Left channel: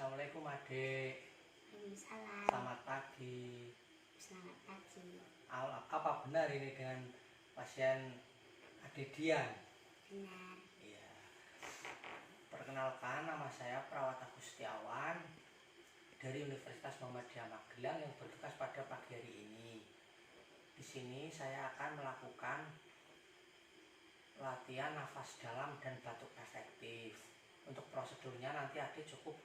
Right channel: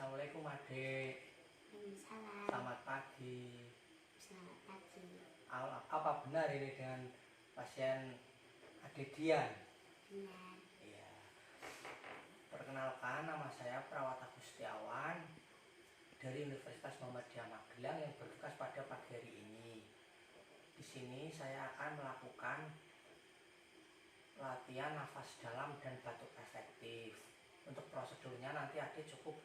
Assalamualaikum adik. Waalaikumsalam. Selamat pagi. Selamat pagi. Apa benar ini dengan pasien adik Dian? Benar. Iya. Perkenalkan, nama saya Perawat Agustiawan dari Universitas Muhammadiyah Magelang yang bertugas pada pagi hari ini. Di sini saya akan melakukan latihan nafas dalam dan batuk efektif. Untuk prosedurnya nanti adik cukup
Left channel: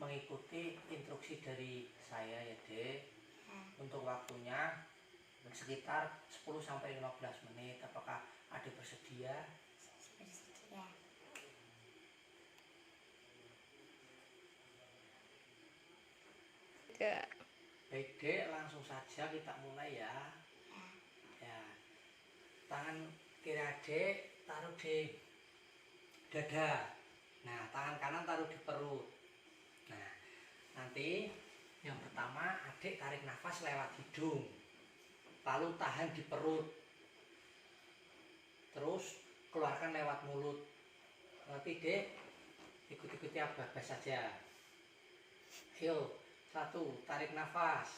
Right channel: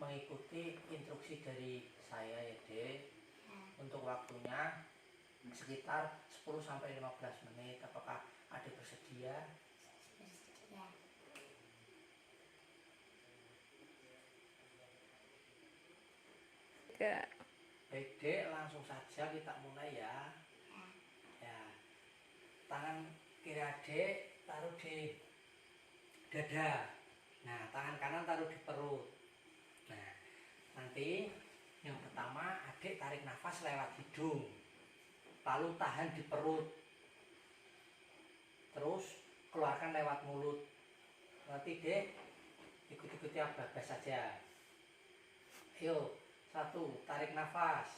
mengikuti instruksi dari saya ya dek. Ya. Untuk waktunya sekitar 10-15 menit. Apakah adik bersedia? Bersedia. Ya. Baik dek, langsung saja kita mulai ya. Ya. Ya, tangan kiri adik taruh di dada. Nah, tangan kanan taruh di perut. Nah, nanti yang pertama adik tarik nafas lewat hidung, lalu tahan di perut, terus keluarkan lewat mulut. Nanti dek ikut-ikuti apa saja. Ayo, 1, tarik nafas,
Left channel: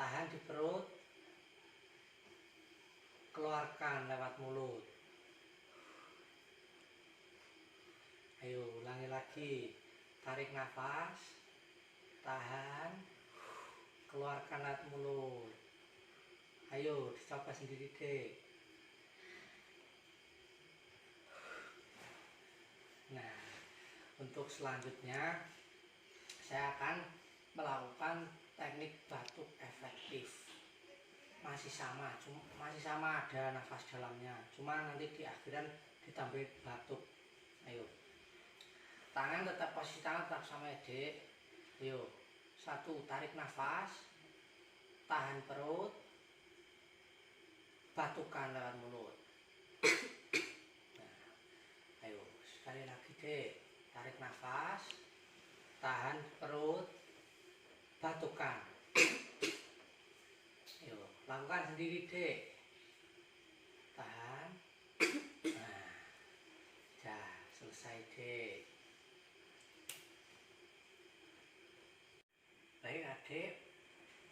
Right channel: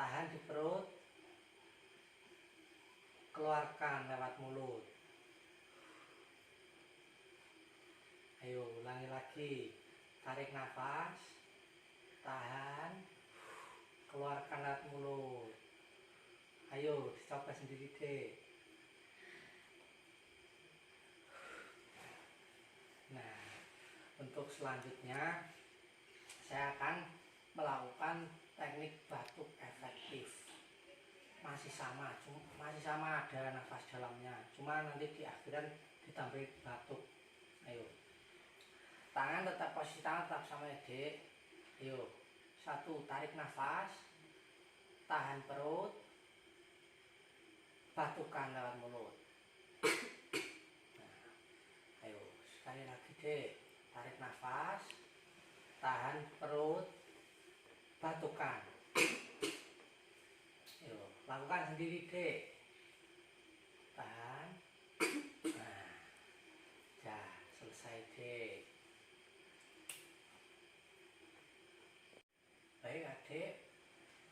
tahan di perut, keluarkan lewat mulut. Ayo ulangi lagi, tarik nafas, tahan, keluarkan lewat mulut. Ayo dicoba sendiri deh. Nah, untuk selanjutnya saya akan melakukan teknik batuk efektif. Masih sama ada nafas dalamnya, cuma nanti di akhiran ditambah batuk. Ayo, tangan tetap, posisi tangan tetap sama ya dek. Ayo, 1, tarik nafas, tahan perut, batukan lewat mulut. Nah, ayo sekali lagi dek, tarik nafas, tahan perut, batukan. Ayo lakukan sendiri dek. Tahan. Nah, ya selesai dek. Baik adik,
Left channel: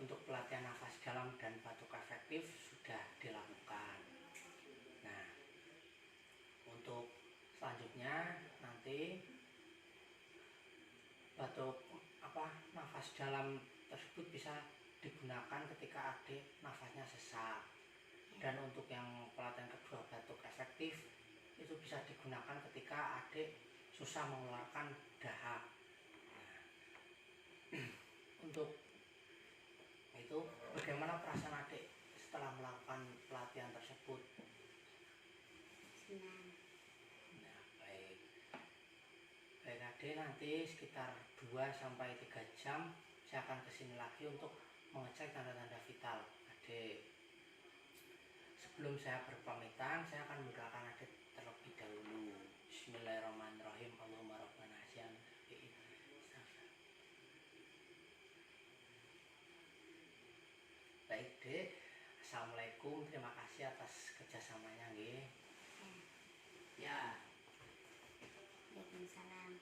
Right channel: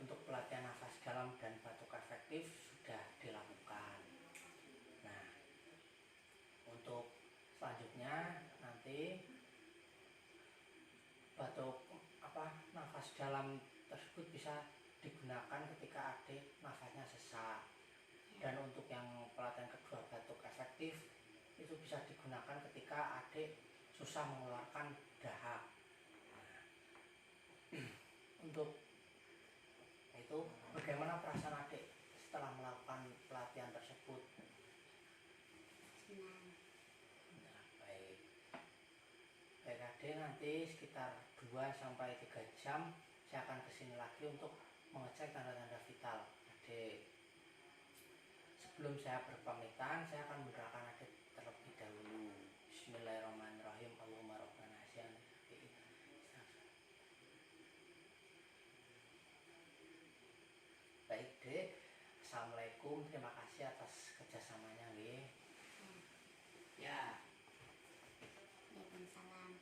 untuk pelatihan nafas dalam dan batuk efektif sudah dilakukan. Nah, untuk selanjutnya nanti batuk nafas dalam tersebut bisa digunakan ketika adik nafasnya sesak. Dan untuk yang pelatihan kedua batuk efektif itu bisa digunakan ketika adik susah mengeluarkan dahak. Nah, untuk itu bagaimana perasaan adik setelah melakukan pelatihan tersebut? Senang. Nah, baik adik, nanti sekitar 2-3 jam saya akan kesini lagi untuk mengecek tanda-tanda vital adik. Sebelum saya berpamitan, saya akan mendoakan adik terlebih dahulu. Bismillahirrahmanirrahim. Allahumma rabbana asyam. Baik dek, assalamualaikum, terima kasih atas kerjasamanya nggih. Ya. Ya. Waalaikumsalam.